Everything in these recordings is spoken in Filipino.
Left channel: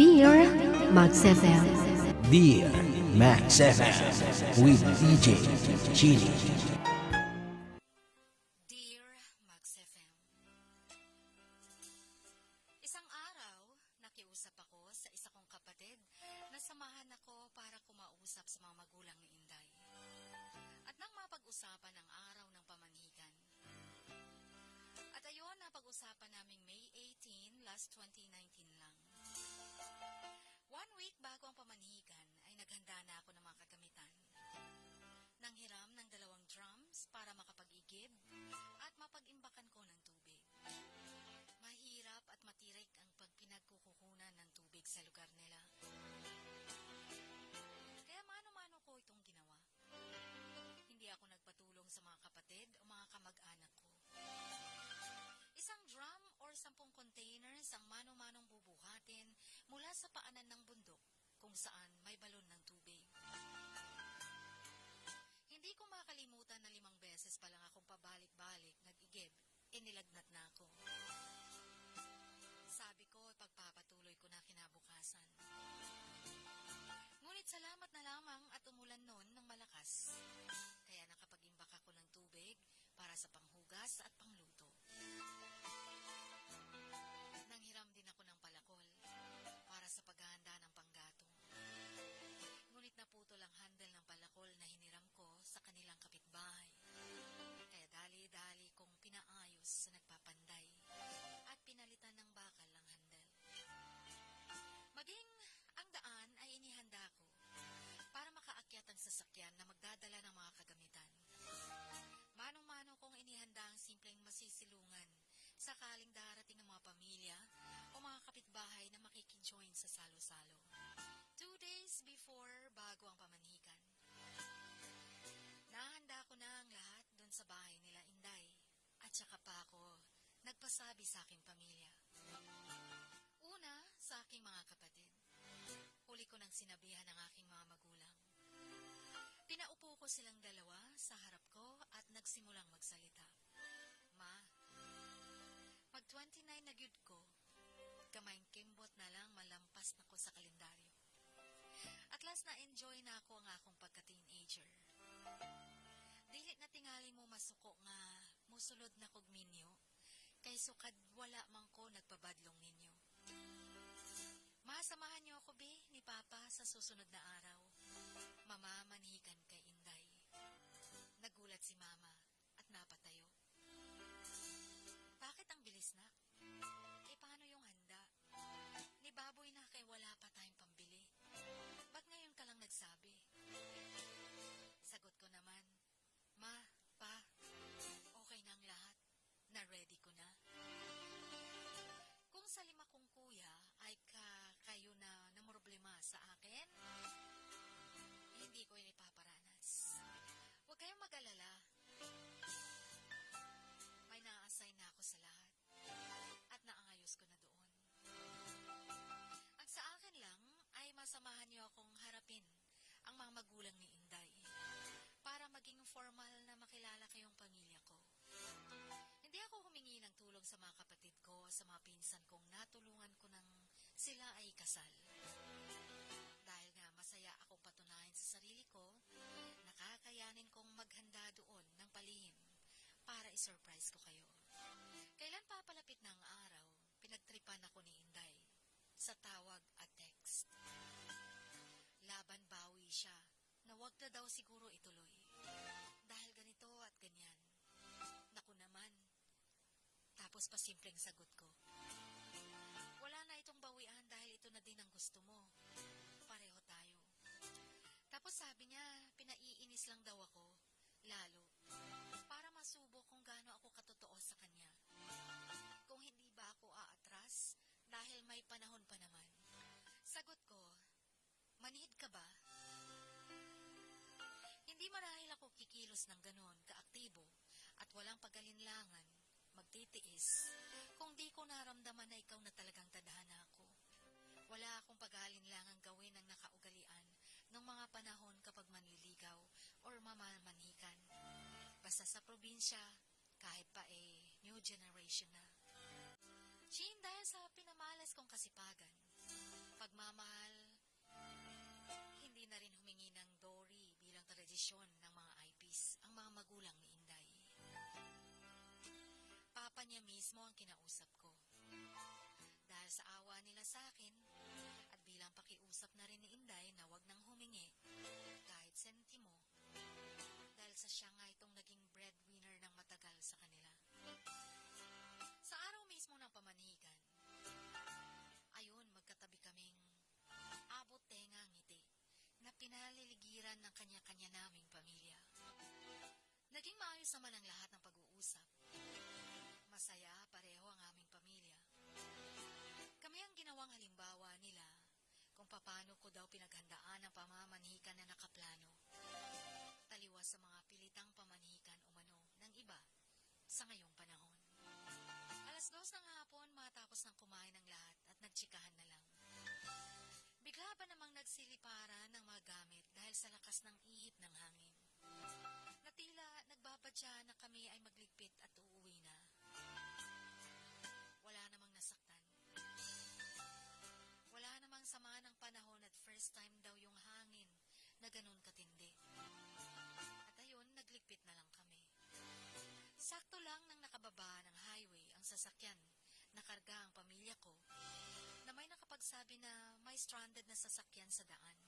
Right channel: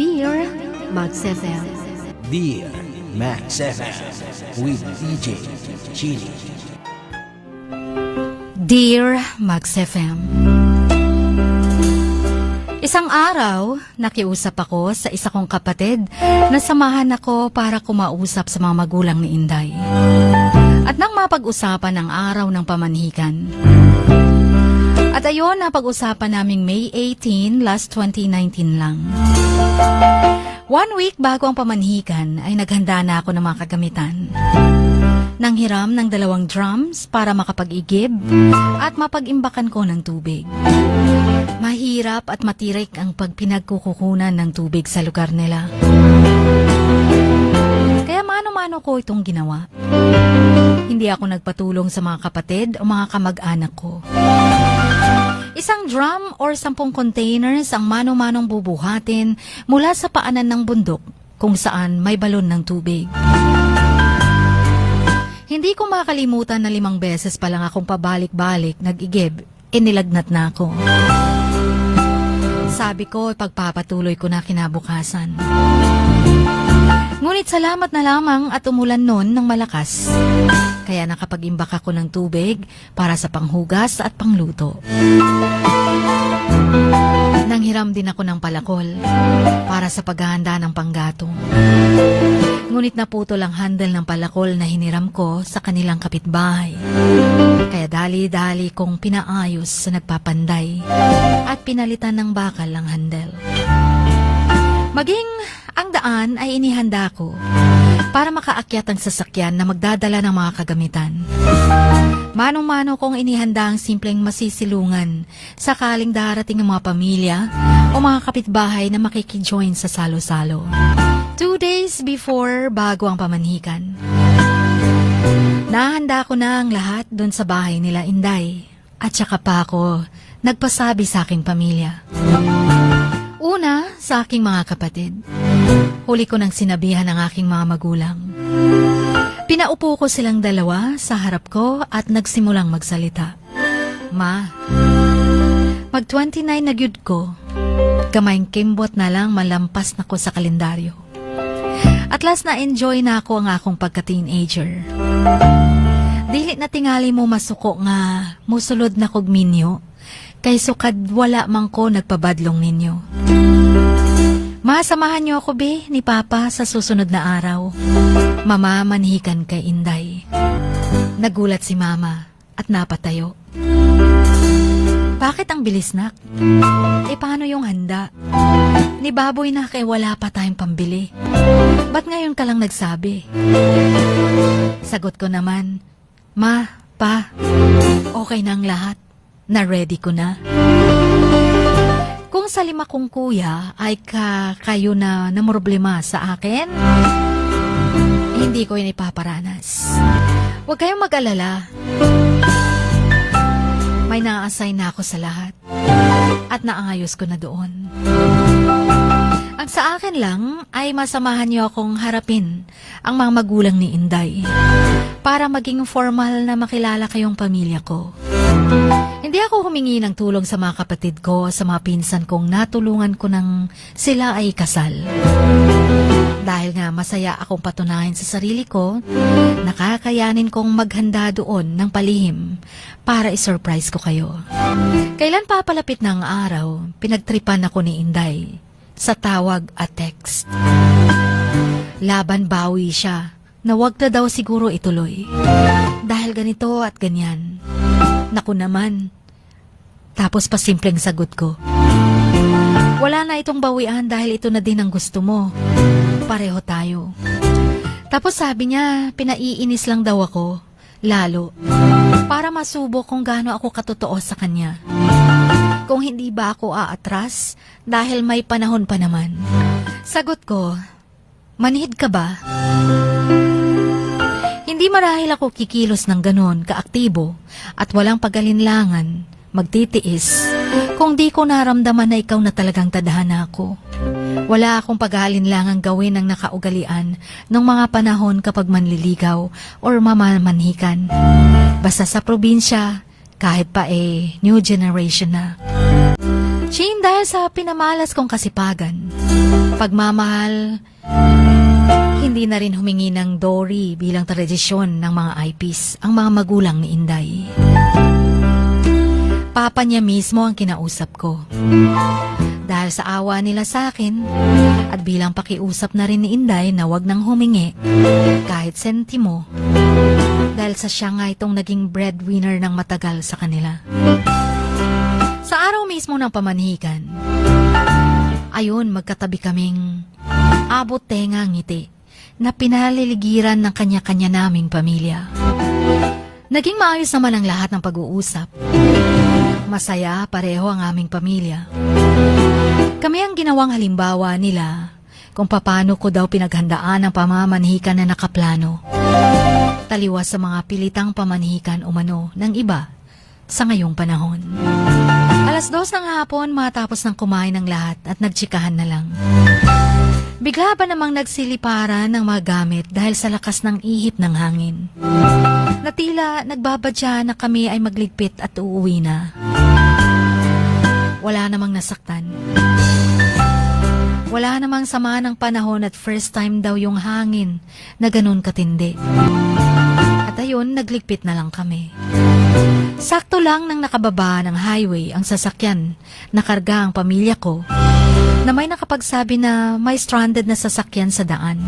Dear Max FM. Dear Max FM with DJ Chili. Dear Max FM. Isang araw, nakiusap ako sa isa kong kapatid na samahan ako para kumausap sa mga magulang ni Inday. At nang mapag-usapan ang araw ng pamanhikan. At ayon, napag-usapan naming May 18, last 2019 lang. 1 week bago ang pamanhikan ay naghanda na ako ng mga kagamitan. Nanghiram ng 2 drums para makapag-igib at mapag-imbakan ko ng tubig. Mahirap at matirik ang pagpinagkukukunan ng tubig sa lugar nila. Kaya mano-mano ko itong ginawa. Hindi ako nagpatulong sa mga kapatid o mga kamag-anak ko. Isang drum or 10 containers ang mano-manong bubuhatin mula sa paanan ng bundok kung saan may balon ng tubig. Hindi ko makalimutan na 5 beses pa lang akong pabalik-balik nag-igib, inilagnat na ako. Sabi ko, pagpapatuloy ko na kinabukasan. Ngunit salamat na lamang at umulan noon ng malakas. Kaya nakapag-imbak ako ng tubig para sa panghugas at pangluto. Nanghiram din ako ng palakol para sa paghahanda ng panggatong. Ngunit naputol ang handle ng palakol na hiniram ko sa kanilang kapitbahay. Kaya dali-dali kong pinaayos sa nagpapanday at pinalitan ng bakal ang handle. Maging ang daan ay inihanda ko para makaakyat ang sasakyan na magdadala ng mga kagamitan. Manong-mano kong inihanda ang simpleng masisilungan sakaling darating ang mga pamilya o mga kapitbahay na makikijoin sa salo-salo. 2 days before bago ang pamanhikan. Nahanda ko na ang lahat doon sa bahay nila Inday at saka pa ako nagpasabi sa aking pamilya. Una, sa aking mga kapatid. Huli ko nang sinabihan ng aking mga magulang. Pinaupo ko silang 2 sa harap ko at nagsimulang magsalita. Ma, mag-29 na gyud ko. Kamayng kimbot na lang malampas na ko sa kalendaryo. At last na enjoy na ako ang akong pagka-teenager. Dili na tingali mo masuko nga musulod na kog minyo, kay sukad wala man ko nagpabadlong ninyo. Masamahan niyo ako be ni Papa sa susunod na araw. Mama, manhikan kay Inday. Nagulat si Mama at napatayo. Bakit ang bilis nak? Paano yung handa? Ni Baboy na kay wala pa tayong pambili. Ba't ngayon ka lang nagsabi? Sagot ko naman, Ma, Pa, okay na ang lahat. Na-ready ko na. Kung sa 5 kong kuya ay kayo na namroblema sa akin, hindi ko yun ipaparanas. Huwag kayong mag-alala. May na-assign na ako sa lahat at naayos ko na doon. Ang sa akin lang ay masamahan niyo akong harapin ang mga magulang ni Inday para maging formal na makilala kayong pamilya ko. Hindi ako humingi ng tulong sa mga kapatid ko, sa mga pinsan kong natulungan ko nang sila ay kasal. Dahil nga masaya akong patunayan sa sarili ko, nakakayanin kong maghanda doon ng palihim para isurprise ko kayo. Kailan papalapit ng araw, pinagtripan ako ni Inday sa tawag at text. Laban bawi siya na wag na daw siguro ituloy. Dahil ganito at ganyan. Naku naman. Tapos pa simpleng sagot ko. Wala na itong bawian dahil ito na din ang gusto mo. Pareho tayo. Tapos sabi niya, pinaiinis lang daw ako. Lalo. Para masubok kung gaano ako katotoo sa kanya. Kung hindi ba ako aatras dahil may panahon pa naman. Sagot ko, manhid ka ba? Hindi marahil ako kikilos ng ganon kaaktibo at walang pagalinlangan, magtitiis, kung di ko naramdaman na ikaw na talagang tadhana ko. Wala akong pag-aalinlangang gawin ng nakaugalian ng mga panahon kapag manliligaw or mamamanhikan. Basta sa probinsya, kahit pa new generation na. Shane, dahil sa pinamalas kong kasipagan, pagmamahal, hindi na rin humingi ng Dory bilang tradisyon ng mga IPs ang mga magulang ni Inday. Papa niya mismo ang kinausap ko. Dahil sa awa nila sa akin at bilang pakiusap na rin ni Inday na wag nang humingi kahit sentimo dahil sa siya nga itong naging breadwinner ng matagal sa kanila. Sa araw mismo ng pamanhikan, ayun magkatabi kaming abot tenga ngiti na pinaliligiran ng kanya-kanya naming pamilya. Naging maayos naman ang lahat ng pag-uusap. Masaya pareho ang aming pamilya. Kami ang ginawang halimbawa nila kung paano ko daw pinaghandaan ang pamamanhikan na nakaplano. Taliwas sa mga pilitang pamanhikan umano ng iba sa ngayong panahon. 2:00 ng hapon matapos ng kumain ng lahat at nagtsikahan na lang. Bigla ba namang nagsiliparan ng mga gamit dahil sa lakas ng ihip ng hangin. Na tila nagbabadya na kami ay magligpit at uuwi na. Wala namang nasaktan. Wala namang sama ng panahon at first time daw yung hangin na ganun katindi. At ayun, nagligpit na lang kami. Sakto lang nang nakababa ng highway ang sasakyan na karga ang pamilya ko na may nakapagsabi na may stranded na sasakyan sa daan.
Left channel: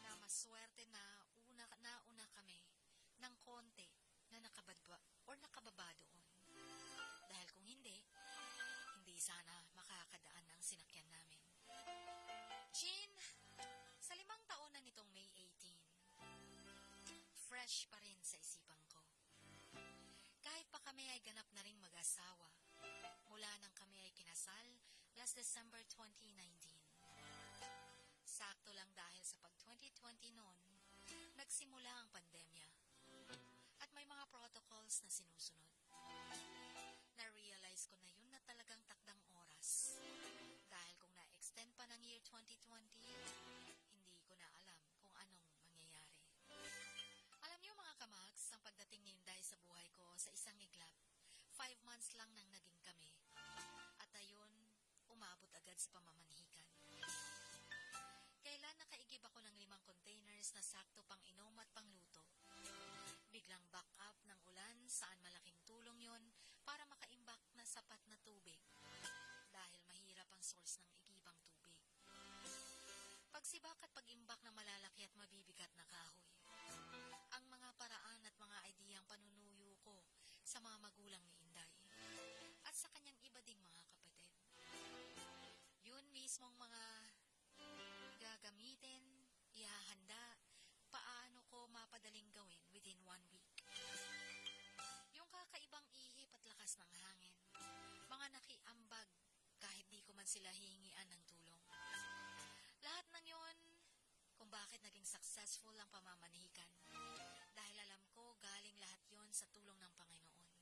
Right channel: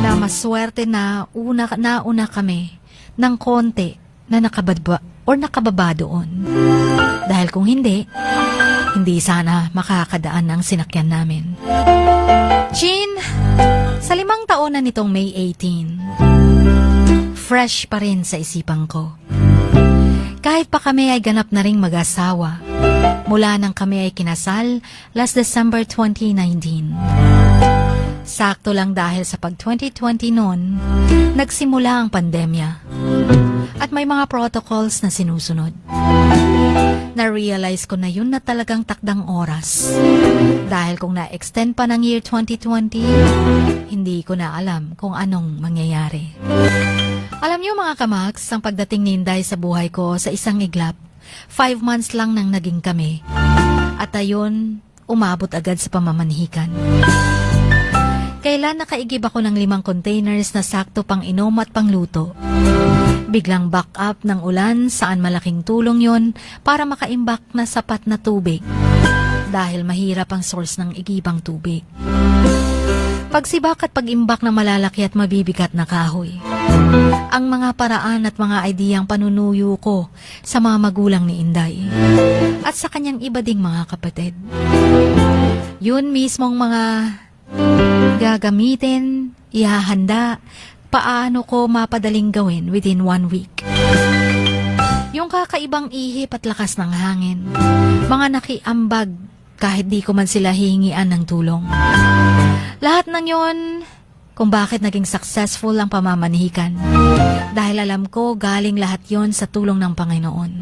Na maswerte na nauna kami ng konti na nakababa doon. Dahil kung hindi sana makakadaan ang sinakyan namin. Jean, sa 5 taon na nitong May 18, fresh pa rin sa isipan ko. Kahit pa kami ay ganap na ring mag-asawa, mula nang kami ay kinasal last December 2019. Sakto lang dahil sa pag-2020 noon, nagsimula ang pandemya. At may mga protocols na sinusunod. Na-realize ko na yun na talagang takdang oras. Dahil kung na-extend pa ng year 2020, hindi ko na alam kung anong mangyayari. Alam niyo mga kamaks, ang pagdating ni Inday sa buhay ko sa isang iglap, 5 months lang nang naging kami. At ayun, umabot agad sa pamamanhikan. Kailan nakaigib ako ng 5 containers na sakto pang inom at pangluto. Biglang back up ng ulan saan malaking tulong yon para makaimbak na sapat na tubig. Dahil mahirap ang source ng igibang tubig. Pagsibak at pagimbak na malalaki at mabibigat na kahoy. Ang mga paraan at mga ideyang panunuyo ko sa mga magulang ni Inday. At sa kanyang iba ding mga kapatid. Yun mismong mga gagamitin, ihahanda, paano ko mapadaling gawin within 1 week. Yung kakaibang ihip at lakas ng hangin, mga nakiambag kahit di ko man sila hihingian ng tulong. Lahat ng yon kung bakit naging successful ang pamamanhikan. Dahil alam ko galing lahat yon sa tulong ng Panginoon.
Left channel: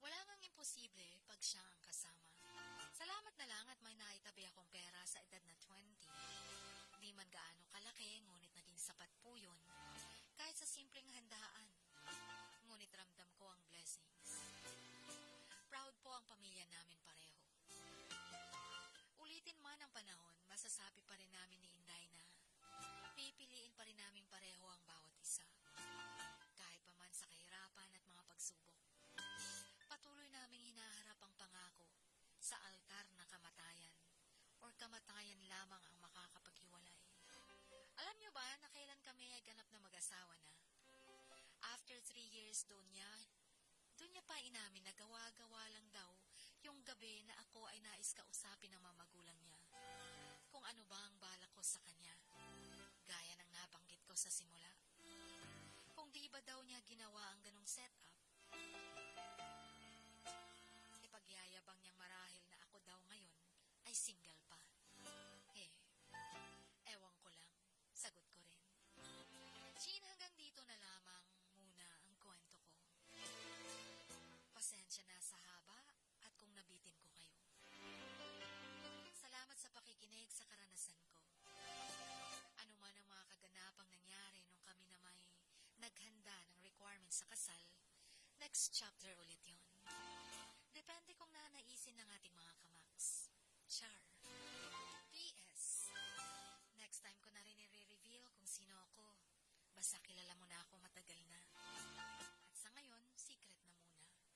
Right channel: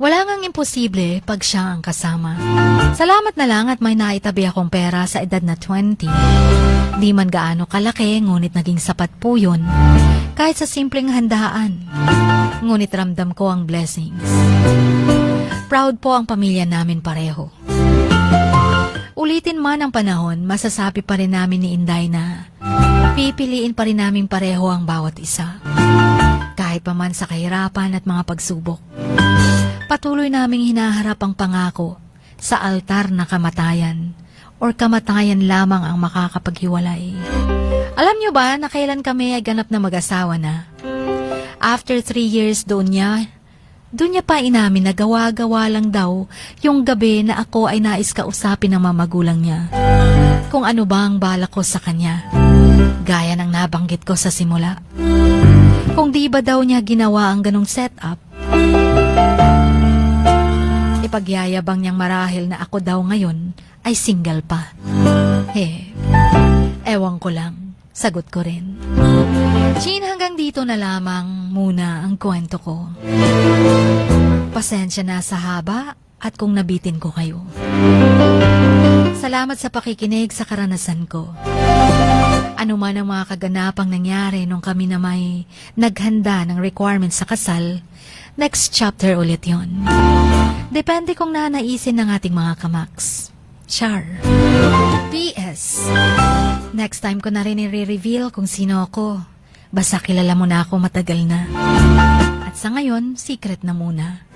Wala ngang imposible pag siya ang kasama. Salamat na lang at may naitabi akong pera sa edad na 20. Di man gaano kalaki, ngunit naging sapat po yun. Kahit sa simpleng handaan. Ngunit ramdam ko ang blessings. Proud po ang pamilya namin pareho. Ulitin man ang panahon, masasabi pa rin namin ni Inday na pipiliin pa rin namin pareho ang bawat isa. Kahit pa man sa kahirapan at mga pagsubok. Patuloy naming hinaharap ang pangako sa altar na kamatayan or kamatayan lamang ang makakapaghiwalay. Alam niyo ba na kailan kami ay ganap na mag-asawa na? After 3 years doon niya pa inamin na gawa-gawa lang daw yung gabi na ako ay nais kausapin ng mga magulang niya. Kung ano ba ang balak ko sa kanya. Gaya ng nabanggit ko sa simula. Kung di ba daw niya ginawa ang ganong setup, ipagyayabang niyang marahil na ako daw ngayon ay single pa. Ewan ko lang. Sagot ko rin. Jean, hanggang dito na lamang muna ang kwento ko. Pasensya na sa haba at kung nabitin ko kayo. Salamat sa pakikinig sa karanasan ko. Ano man ang mga kaganapang nangyari nung kami na may naghanda ng requirements sa kasal, next chapter ulit yon. Depende kung nanaisin ng ating mga kamaks. Char. P.S. Next time ko na rin i-reveal kung sino ako. Basta kilala mo na ako matagal na. At sa ngayon, secret na muna.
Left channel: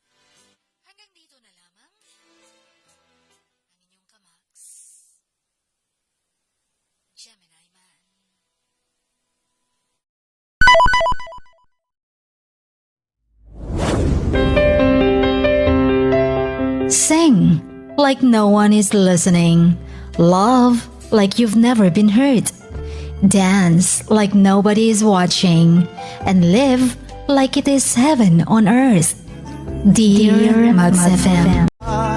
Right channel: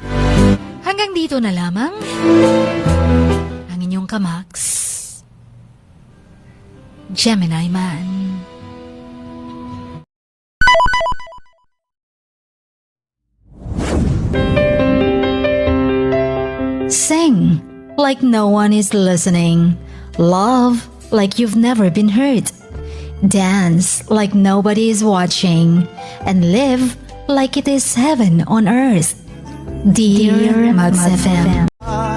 Hanggang dito na lamang. Ang inyong kamaks, Gemini Man. Sing like no one is listening. Love like you've never been hurt. Dance like nobody is watching. And live like it is heaven on earth. Dear Max FM.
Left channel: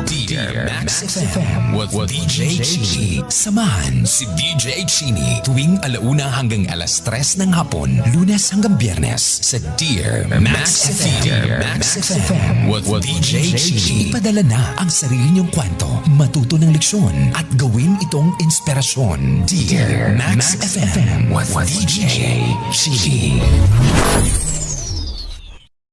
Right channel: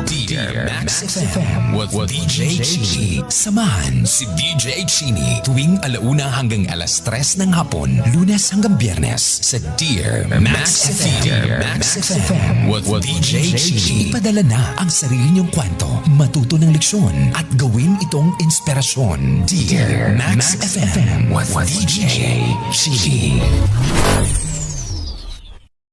Dear Max FM with DJ Chini. Samahan si DJ Chini tuwing 1:00 hanggang 3:00 ng hapon, Lunes hanggang Biyernes sa Dear Max FM. Dear Max FM with DJ Chini. Ipadala na ang sarili niyong kwento, matuto ng leksyon at gawin itong inspirasyon. Dear Max FM with DJ Chini.